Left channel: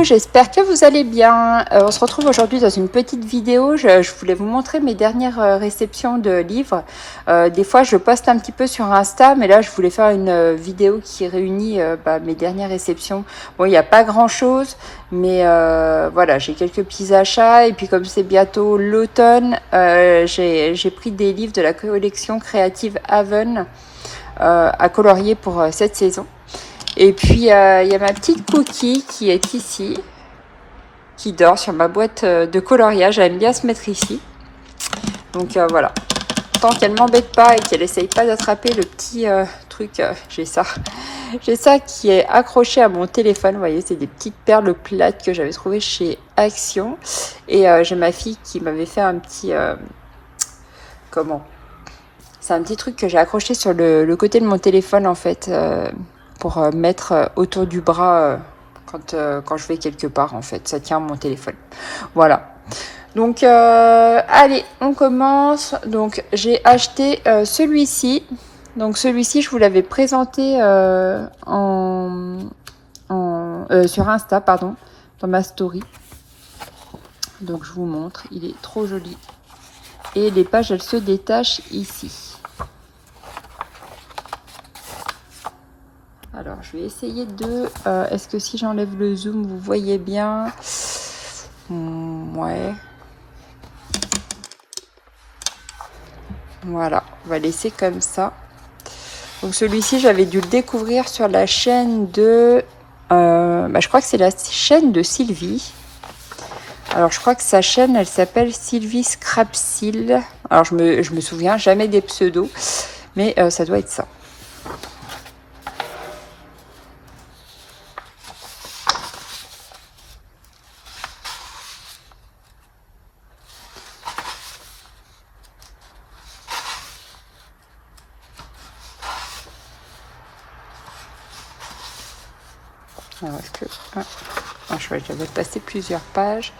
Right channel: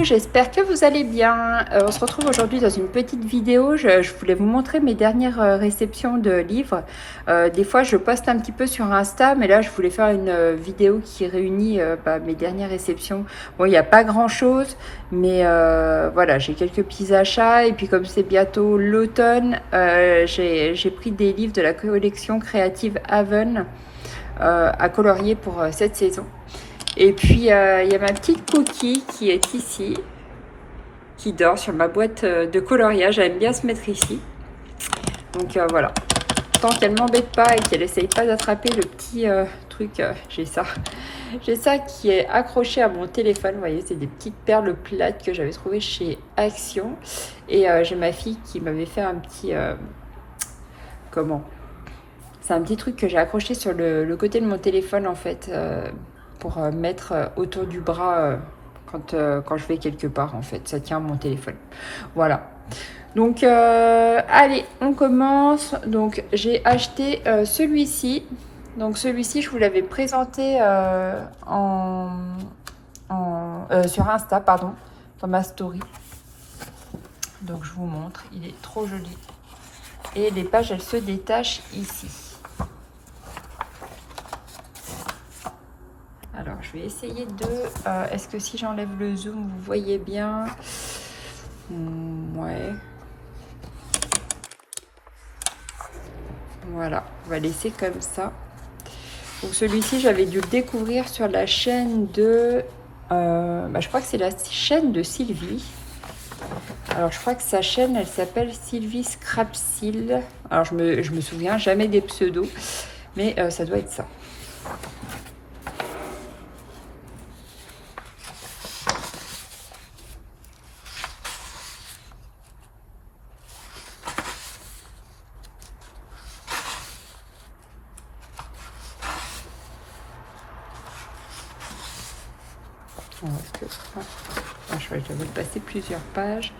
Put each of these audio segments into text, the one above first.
Coucou, j'espère que vous allez bien. On se retrouve aujourd'hui dans une petite vidéo. Je voulais vous montrer mes dernières réceptions de livres. Des fois, je poste un petit peu sur Insta, mais là, je voulais faire une vidéo qui réunit mes dernières réceptions. Bon, il n'y a pas grand-chose, mais voilà, j'ai quelques petits achats. Et puis, comme c'est bientôt l'automne, j'ai pris des livres de la collection créative Haven à colorier pour cette saison. Et puis, il y a ma petite Cookie qui est ici, qui dort sur ma boîte de coloriage. Elle aime bien se mettre ici. Donc, voilà. Tant qu'elle ne m'embête pas et qu'elle essaye pas d'attraper le petit truc, j'ai ça. J'ai ça qui est accroché à mon téléphone. Vous voyez, c'est des petites perles plates que j'avais trouvées chez Action. Et j'ai ma fille qui m'avait fait un petit... comment ? C'est un petit truc que j'ai accroché sur le côté de mon téléphone, en fait. Pour mettre autour du bras quand je vais quelque part, en fait. Ça tient mon téléphone. Voilà. Donc, allez, on commence. Donc, j'ai acheté celui-ci. Donc, celui-ci, je vous l'avais présenté sur Insta, pardon, dans ma story. Donc, je vous montre. Il est trop joli. Et les pages, elles se détachent ici. Alors, je vais essayer de... est-ce que si j'enlève le zoom, vous voyez bien? Ouais. Voilà, on va laisser comme ça. Donc, celui-ci, j'avais dû le découvrir sur la chaîne de... je crois que c'est la chaîne de Sylvie. Alors, je crois que sa chaîne, elle s'appelle Sylvie Scrapsil. Alors, je me souviens jamais des pseudos, mais ça doit être ça. Alors, je vais passer plusieurs pages.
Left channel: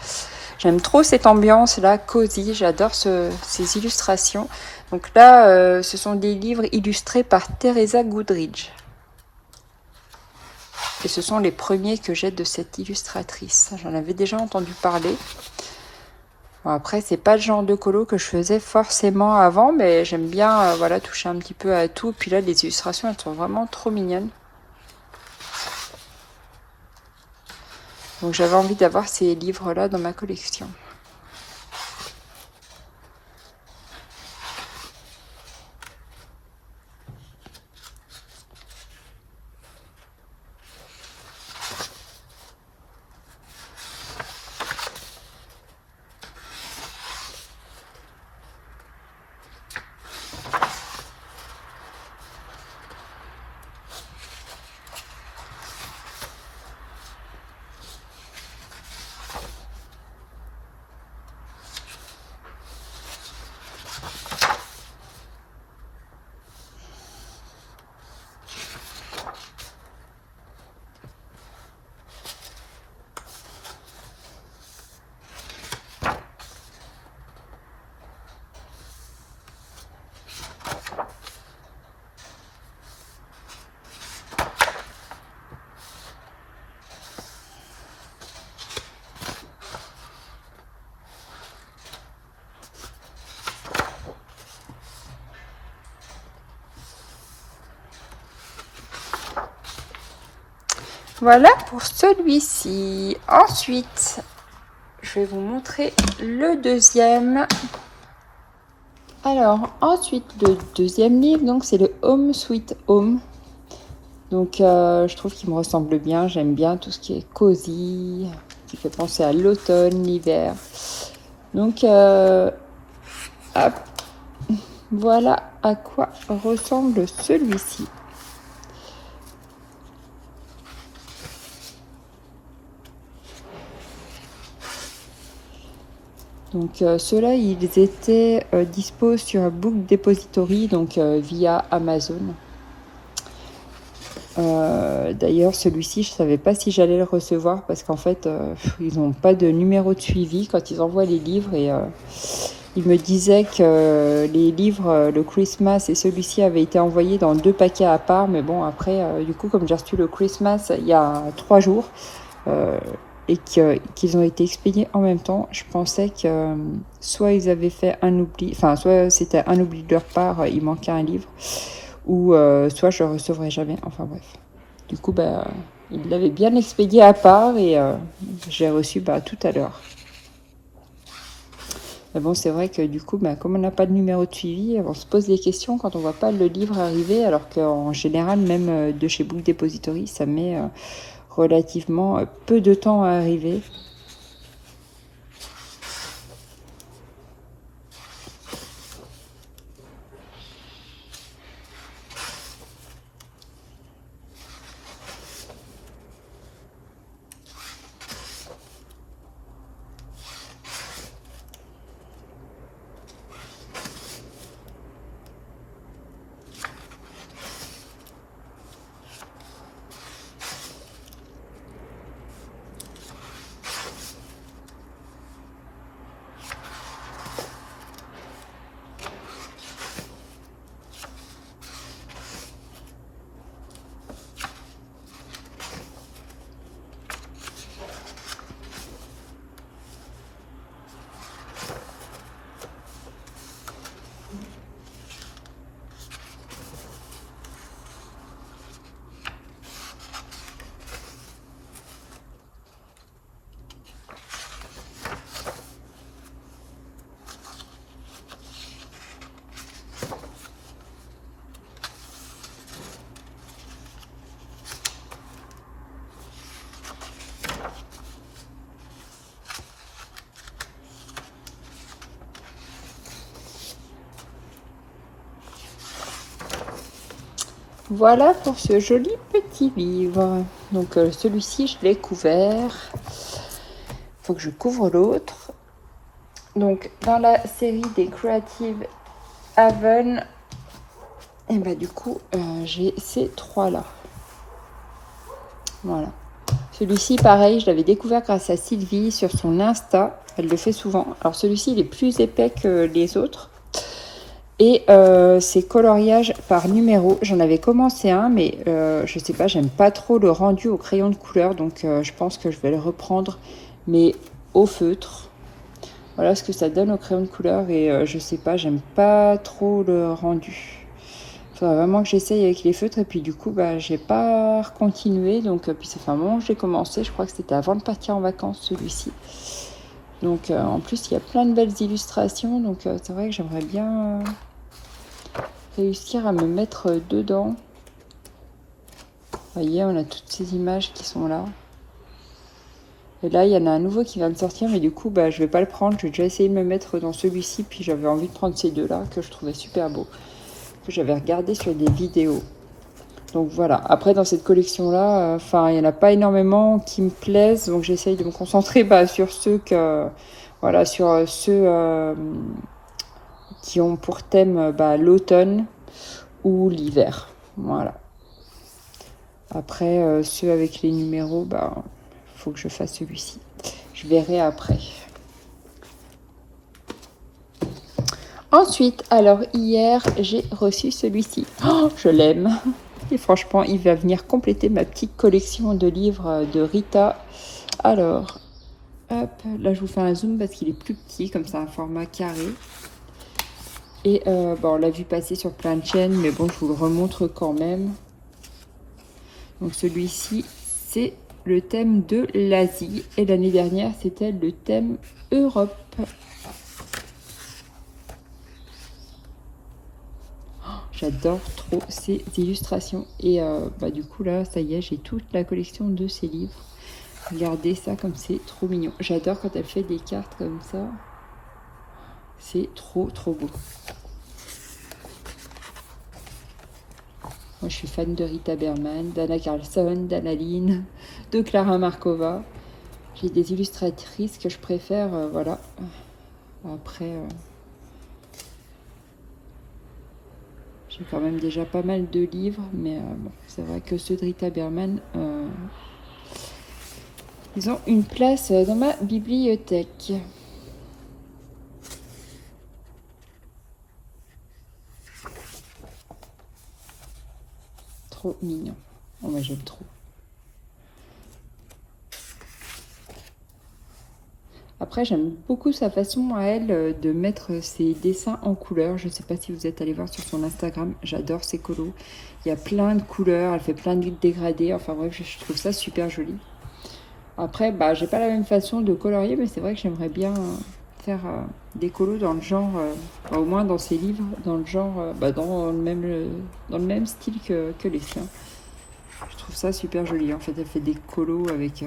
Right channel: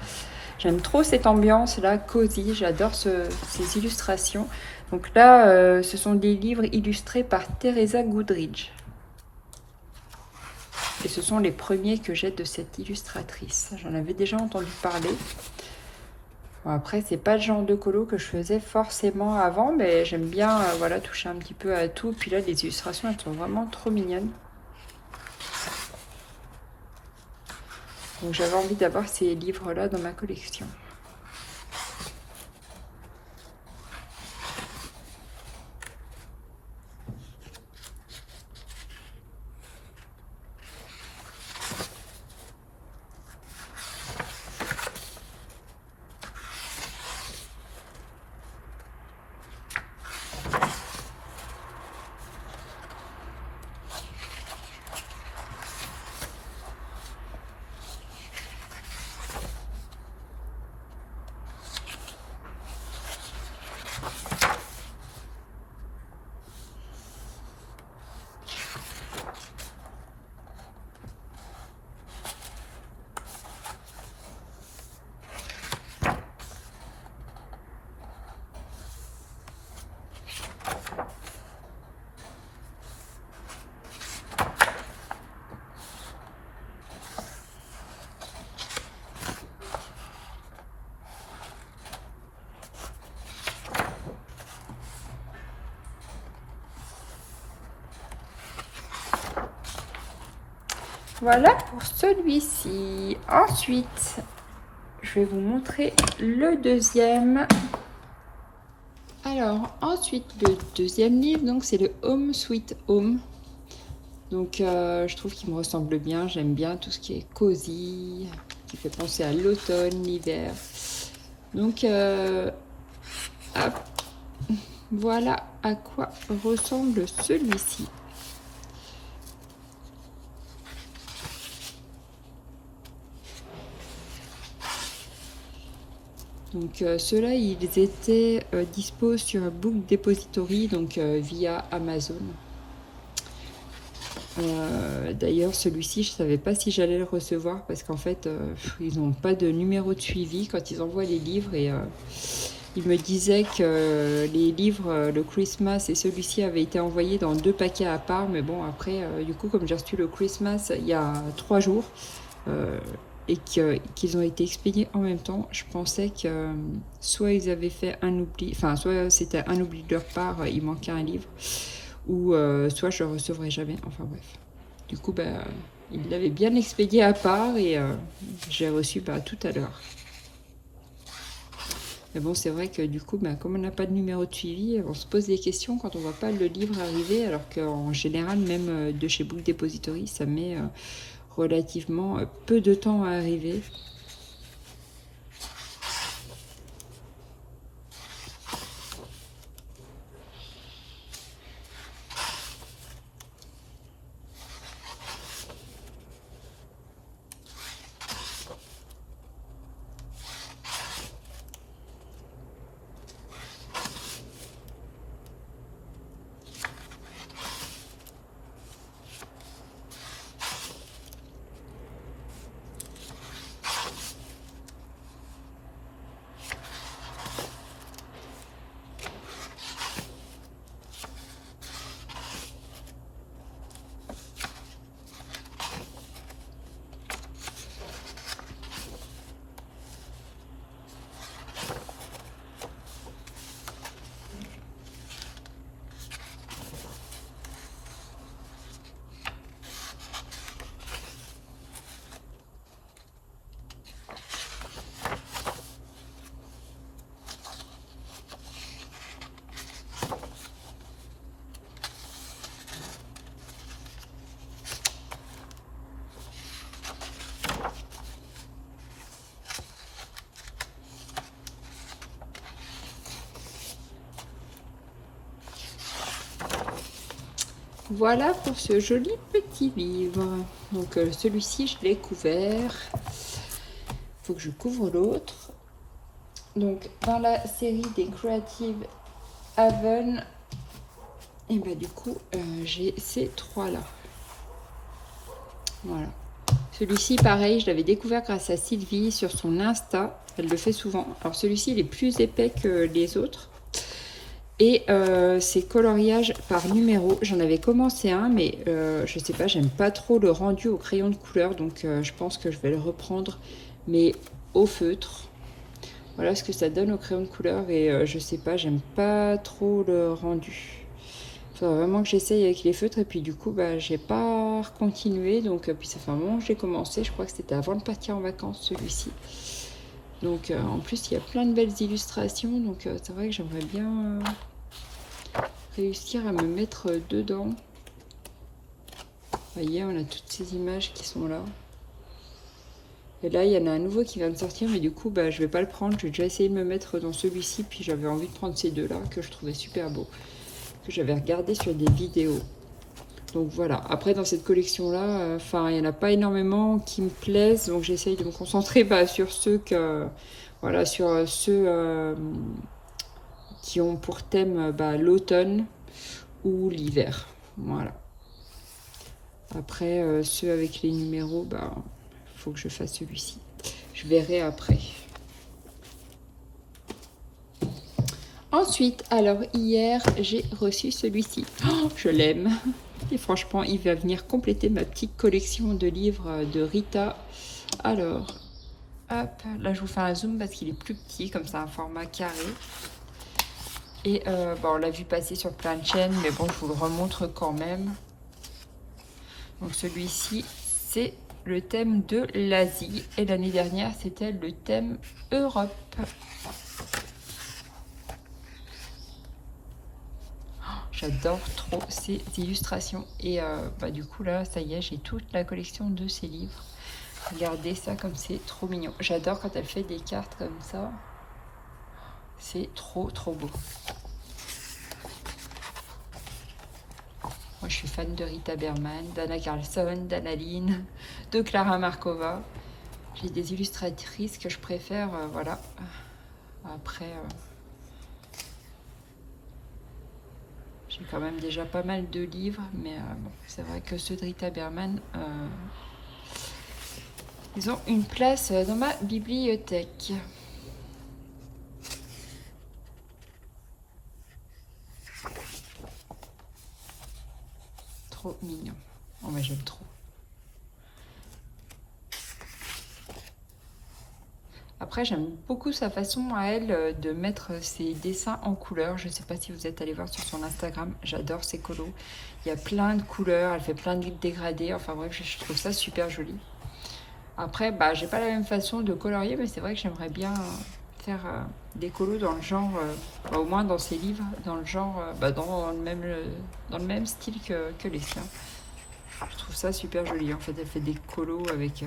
J'aime trop cette ambiance-là, cosy. J'adore ces illustrations. Donc là, ce sont des livres illustrés par Teresa Goodridge. Et ce sont les premiers que j'ai de cette illustratrice. J'en avais déjà entendu parler. Bon, après, c'est pas le genre de colo que je faisais forcément avant, mais j'aime bien voilà, toucher un petit peu à tout. Puis là, les illustrations, elles sont vraiment trop mignonnes. Donc j'avais envie d'avoir ces livres-là dans ma collection. Voilà pour celui-ci. Ensuite, je vais vous montrer le deuxième. Alors, ensuite, le deuxième livre, donc c'est le Home Sweet Home. Donc, je trouve qu'il me ressemble bien. J'aime bien tout ce qui est cosy, qui fait penser à l'automne, l'hiver. Donc, hop, voilà à quoi ressemble celui-ci. Donc ceux-là, ils étaient dispo sur Book Depository, donc via Amazon. D'ailleurs, celui-ci, je ne savais pas si j'allais le recevoir parce qu'en fait, ils n'ont pas de numéro de suivi quand ils envoient les livres. Et ils me disaient que les livres, le Christmas et celui-ci avaient été envoyés dans 2 paquets à part. Mais bon, après, du coup, comme j'ai reçu le Christmas il y a 3 jours, et qu'ils ont été expédiés en même temps, je pensais que soit ils avaient fait un oubli, enfin soit c'était un oubli de leur part, il manquait un livre, ou soit je ne le recevrai jamais, enfin bref. Du coup, bah, ils l'avaient bien expédié à part et j'ai reçu tout à l'heure. Mais bon, c'est vrai que du coup, comme on n'a pas de numéro de suivi, on se pose des questions quand on ne voit pas le livre arriver, alors qu'en général, même de chez Book Depository, ça met relativement peu de temps à arriver. Voilà pour ce joli petit livre. Donc celui-ci, je l'ai couvert. Il faut que je couvre l'autre. Donc dans la série des Creative Haven, et du coup, j'ai ces trois-là. Voilà. Celui-ci, pareil, je l'avais découvert grâce à Sylvie sur son Insta. Elle le fait souvent. Alors celui-ci, il est plus épais que les autres. Et c'est coloriage par numéro. J'en avais commencé un, mais je sais pas, j'aime pas trop le rendu au crayon de couleur. Donc je pense que je vais le reprendre, mais au feutre. Voilà ce que ça donne au crayon de couleur. Et je sais pas, j'aime pas trop le rendu. Il faudrait vraiment que j'essaye avec les feutres. Et puis du coup, j'ai pas continué. Donc puis ça fait un moment que j'ai commencé. Je crois que c'était avant de partir en vacances, celui-ci. Donc en plus, il y a plein de belles illustrations. Donc c'est vrai que j'aimerais bien réussir à me mettre dedans. Vous voyez, on a toutes ces images qui sont là. Et là, il y en a un nouveau qui va me sortir, mais du coup, je vais pas le prendre. J'ai déjà essayé de me mettre dans celui-ci, puis j'avais envie de prendre ces deux-là, que je trouvais super beaux, que j'avais regardé sur des vidéos. Donc voilà. Après, dans cette collection-là, il y en a pas énormément qui me plaisent, donc j'essaye de me concentrer sur ceux que, voilà, sur ceux qui ont pour thème l'automne ou l'hiver. Voilà. Après, ceux avec les numéros, faut que je fasse celui-ci. Je verrai après. Ensuite, alors hier, j'ai reçu celui-ci. Oh, je l'aime. Et franchement, il va venir compléter ma petite collection de livres de Rita. Alors, hop, là je vous fais un zoom parce qu'il est plus petit, comme ça, un format carré. Et on l'a vu passer sur plein de chaînes, mais bon, je vous le remontre quand même. Donc celui-ci, c'est le thème de l'Asie. Et l'année dernière, c'était le thème Europe. J'adore trop ces illustrations. Et du coup, là, ça y est, j'ai toute la collection de ces livres. Regardez ça comme c'est trop mignon. J'adore quand elle fait des cartes comme ça. C'est trop, trop beau. Moi, je suis fan de Rita Berman, d'Anna Carlson, d'Anna Lynn, de Clara Markova. J'ai des illustratrices que je préfère, voilà. Après, j'ai quand même déjà pas mal de livres, mais bon, c'est vrai que ceux de Rita Berman, ils ont une place dans ma bibliothèque. Trop mignon. Oh, moi, j'aime trop. Après, j'aime beaucoup sa façon à elle de mettre ses dessins en couleur. Je ne sais pas si vous êtes allé voir sur son Instagram. J'adore ses colos. Il y a plein de couleurs. Elle fait plein de dégradés. Enfin bref, je trouve ça super joli. Après, bah, j'ai pas la même façon de colorier, mais c'est vrai que j'aimerais bien faire des colos dans le genre, bah, au moins dans ses livres, dans le genre, bah, dans le même style que les siens. Je trouve ça super joli. En fait, elle fait des colos avec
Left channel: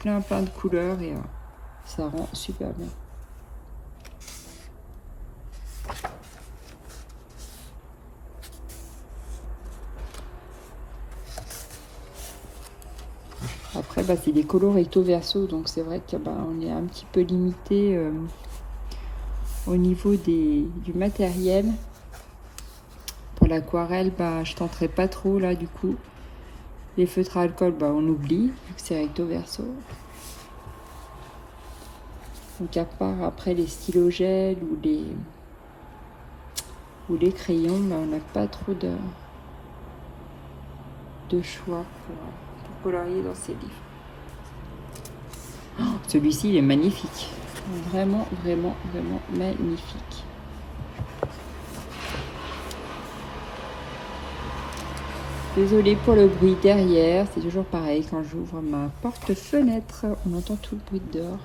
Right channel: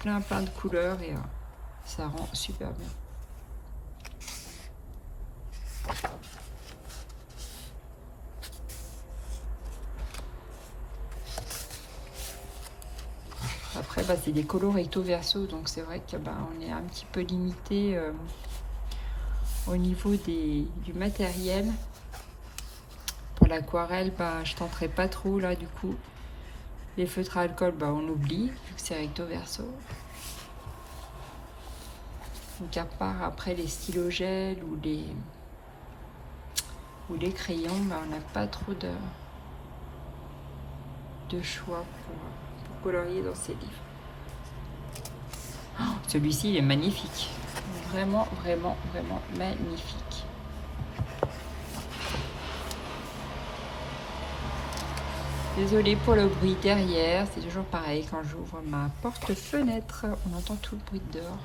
plein de couleurs et ça rend super bien. Après, bah, c'est des colos recto verso, donc c'est vrai que bah, on est un petit peu limité au niveau du matériel. Pour l'aquarelle, bah, je tenterai pas trop là du coup. Les feutres à alcool, bah, on oublie, vu que c'est recto verso. Donc à part après les stylos gel ou les crayons, bah, on n'a pas trop de choix pour colorier dans ces livres. Oh, celui-ci, il est magnifique. Vraiment magnifique. Désolée pour le bruit derrière, c'est toujours pareil quand j'ouvre ma porte-fenêtre, on entend tout le bruit de dehors.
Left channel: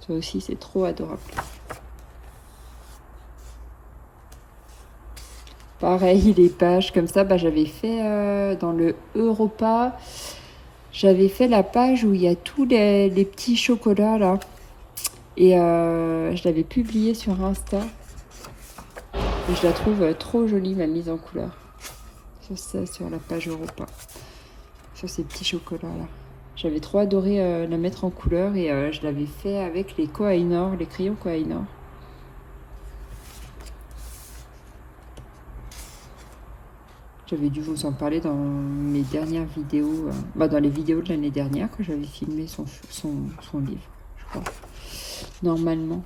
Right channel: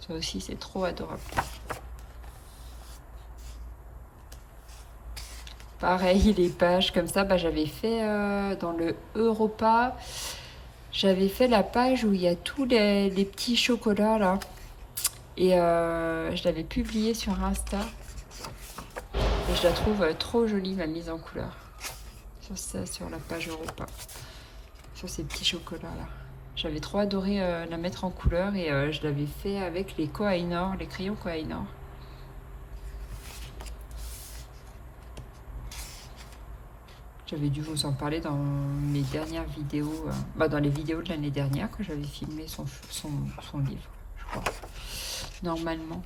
Ça aussi, c'est trop adorable. Pareil, les pages comme ça, bah, j'avais fait dans le Europa, j'avais fait la page où il y a tous les petits chocolats là. Et je l'avais publiée sur Insta. Et je la trouve trop jolie, ma mise en couleur. Sur la page Europa. Sur ces petits chocolats là. J'avais trop adoré la mettre en couleur et je l'avais fait avec les Koh-i-Noor, les crayons Koh-i-Noor. J'avais dû vous en parler dans mes dernières vidéos, dans les vidéos de l'année dernière quand j'avais filmé son livre, je crois. Normalement.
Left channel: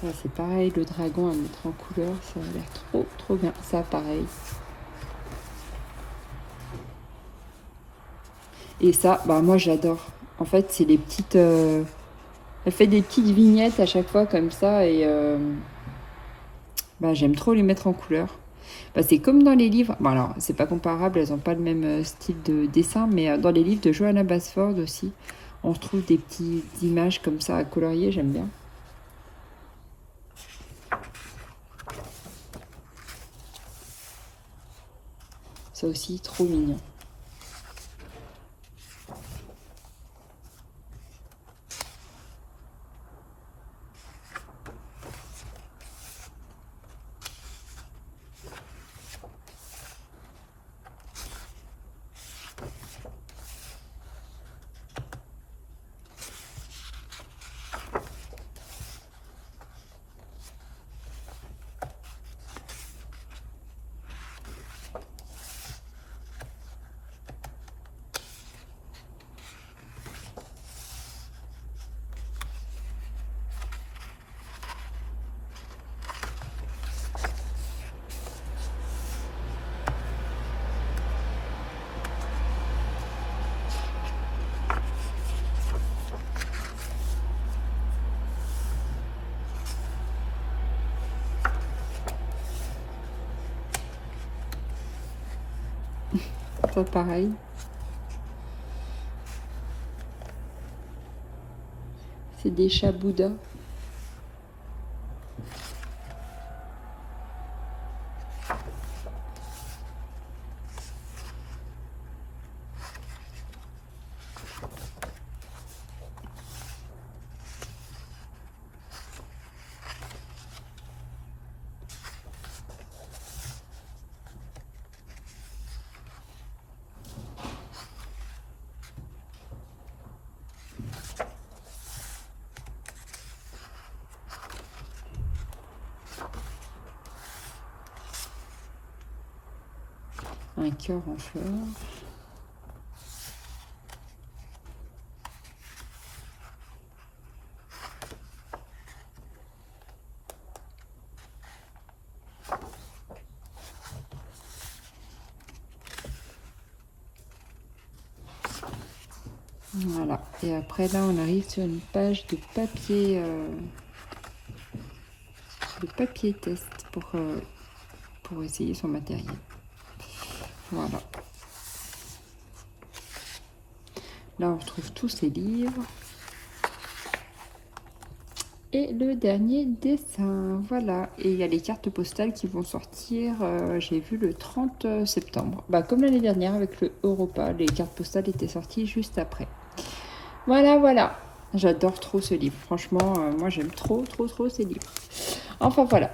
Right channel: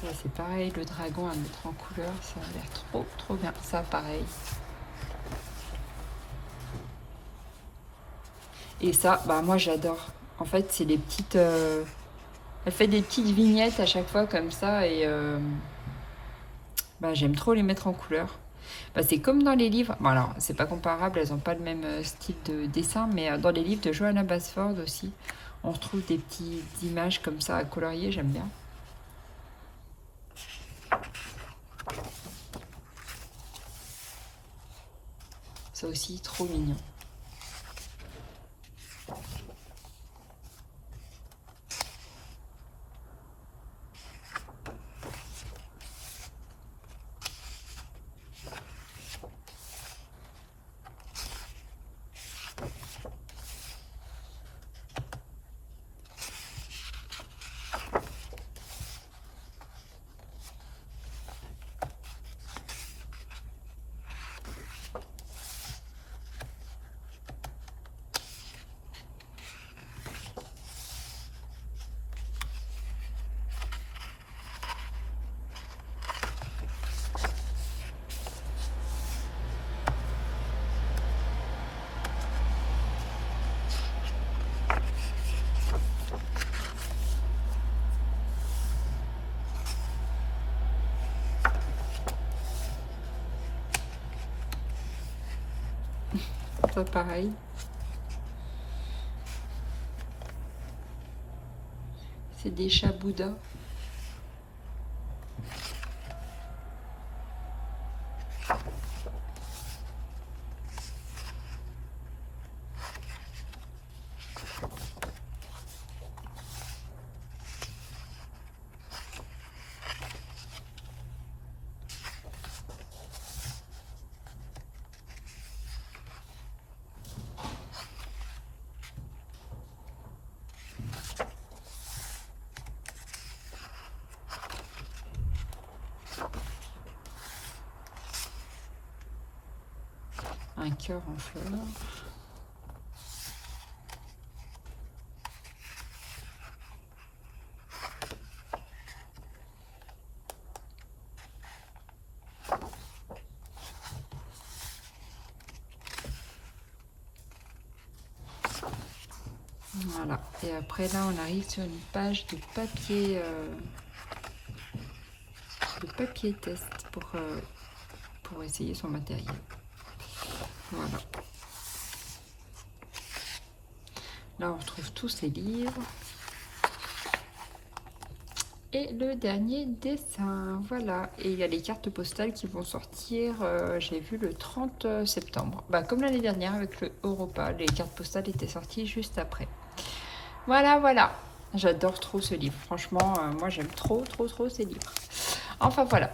Ça c'est pareil, le dragon à mettre en couleur, ça a l'air trop bien. Ça pareil. Et ça, bah moi j'adore. En fait, c'est des petites... elle fait des petites vignettes à chaque fois comme ça et bah, j'aime trop les mettre en couleur. Bah, c'est comme dans les livres. Bon alors, c'est pas comparable, elles n'ont pas le même style de dessin, mais dans les livres de Johanna Basford aussi, on retrouve des petites images comme ça à colorier, j'aime bien. Ça aussi, trop mignon. Ça pareil. C'est des chats Bouddha. un cœur en fleurs. Voilà, et après là on arrive sur une page de papier test pour essayer son matériel. Voilà. Là on retrouve tous ces livres. Et le dernier dessin, voilà. Et il y a les cartes postales qui vont sortir, j'ai vu le 30 septembre. Bah, comme l'année dernière avec le Europa, les cartes postales étaient sorties juste après. Voilà, voilà. J'adore trop ce livre. Franchement, moi j'aime trop ces livres. Enfin voilà,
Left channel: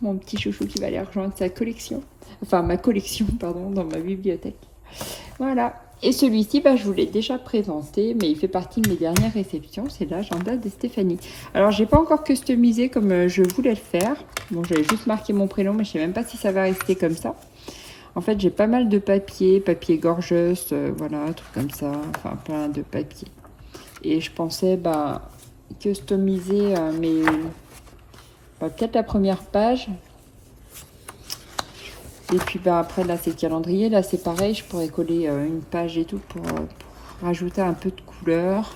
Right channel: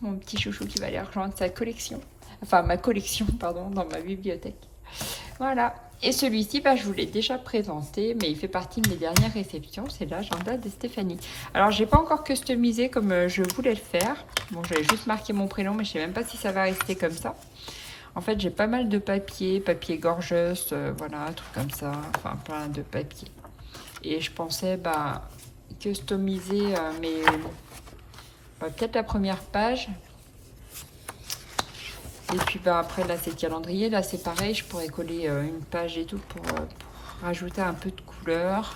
mon petit chouchou qui va aller rejoindre sa collection. Enfin ma collection, pardon, dans ma bibliothèque. Voilà. Et celui-ci, bah, je vous l'ai déjà présenté, mais il fait partie de mes dernières réceptions. C'est l'agenda de Stéphanie. Alors, j'ai pas encore customisé comme je voulais le faire. Bon, j'avais juste marqué mon prénom, mais je sais même pas si ça va rester comme ça. En fait, j'ai pas mal de papier gorgeuse, voilà, trucs comme ça. Enfin, plein de papier. Et je pensais, bah, customiser peut-être la première page. Et puis bah, après là c'est le calendrier, là c'est pareil, je pourrais coller une page et tout pour rajouter un peu de couleur.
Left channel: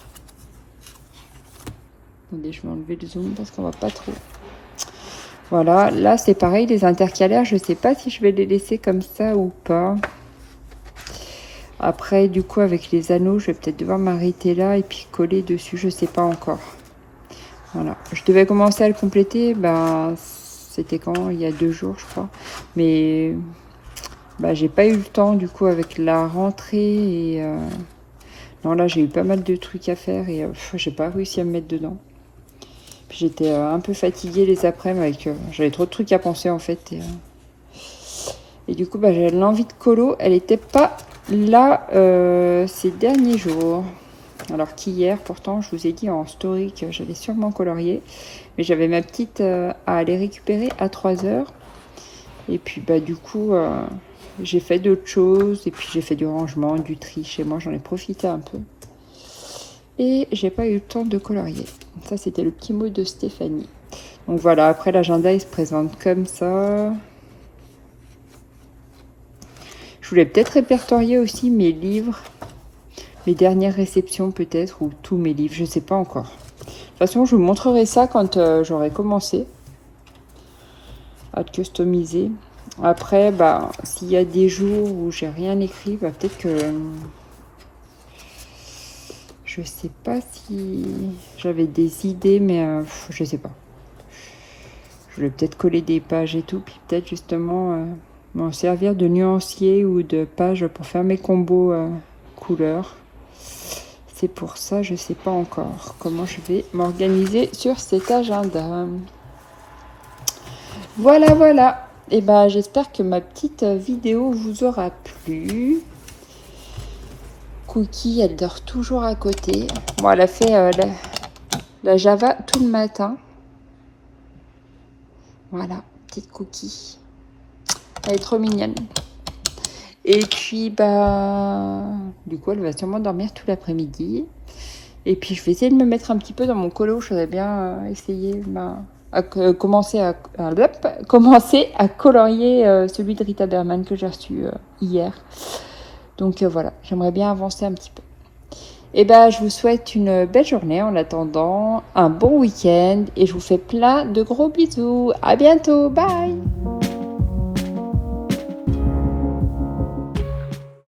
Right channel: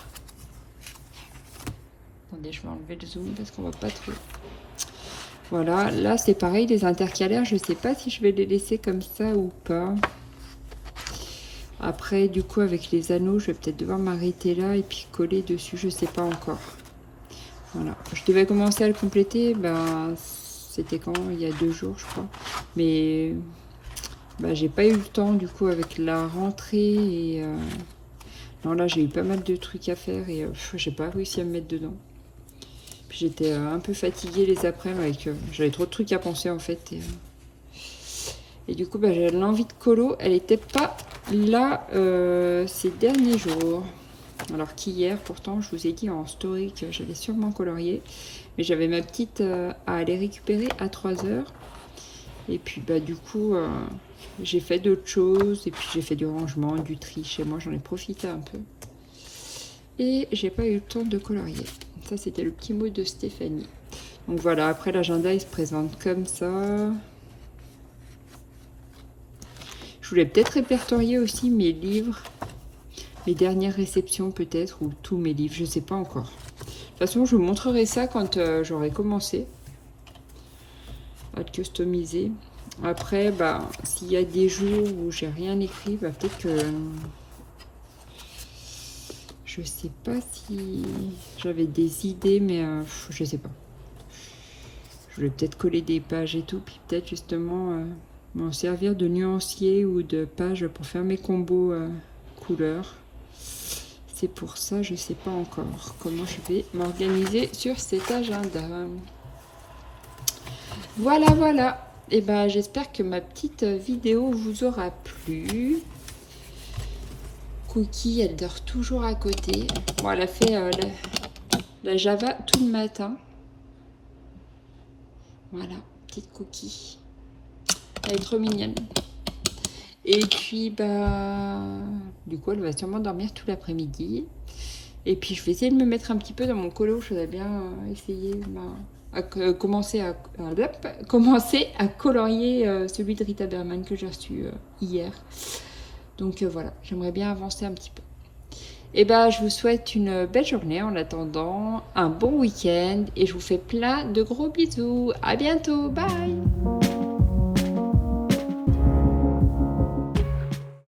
Attendez, je vais enlever le zoom parce qu'on va pas trop. Voilà, là c'est pareil, les intercalaires, je sais pas si je vais les laisser comme ça ou pas. Après du coup avec les anneaux, je vais peut-être devoir m'arrêter là et puis coller dessus, je sais pas encore. Voilà, je devais commencer à le compléter, bah c'était quand? Il y a 2 jours je crois. Mais bah, j'ai pas eu le temps du coup avec la rentrée et non là j'ai eu pas mal de trucs à faire et j'ai pas réussi à me mettre dedans. Puis j'étais un peu fatiguée les après-midi avec j'avais trop de trucs à penser en fait et du coup bah, j'avais l'envie de colo, elle était pas là ces derniers jours. Alors qu'hier pourtant je vous ai dit en story que j'allais sûrement colorier, mais j'avais ma petite à aller récupérer à 3h et puis bah du coup j'ai fait d'autres choses et puis j'ai fait du rangement, du tri chez moi, j'en ai profité un peu. Et j'ai pas eu le temps de colorier. Ça c'était le petit mot de Stéphanie. Donc voilà, après l'agenda il se présente comme ça. Je voulais peut-être répertorier aussi mes livres, mes dernières réceptions peut-être, ou tous mes livres, je sais pas encore. De toute façon je vous montrerai ça quand j'aurai commencé à customiser. Après, bah, s'il y a des jours où j'ai rien écrit, bah, peut-être que je sais pas si j'avais des idées, mais je sais pas. Je vais peut-être coller des pages et tout, puis peut-être justement m'en servir de nuancier ou de page pour faire mes combos couleurs. C'est pour ça, je sais pas encore comment je vais m'organiser sur cet agenda. Voilà, voilà. Et ben, j'espère que ma petite vidéo vous aura plu. Cookie, elle dort toujours à côté. Bon, elle a fait la Java tout le matin. Voilà, petite Cookie. Elle est trop mignonne. Et puis, bah, du coup, elle va sûrement dormir tout l'après-midi. Et puis, je vais essayer de me mettre un petit peu dans mon colo. Je voudrais bien essayer commencer à colorier celui de Rita Berman que j'ai reçu hier. Donc voilà, j'aimerais bien avancer un petit peu. Et ben, je vous souhaite une belle journée en attendant, un bon week-end et je vous fais plein de gros bisous. À bientôt, bye!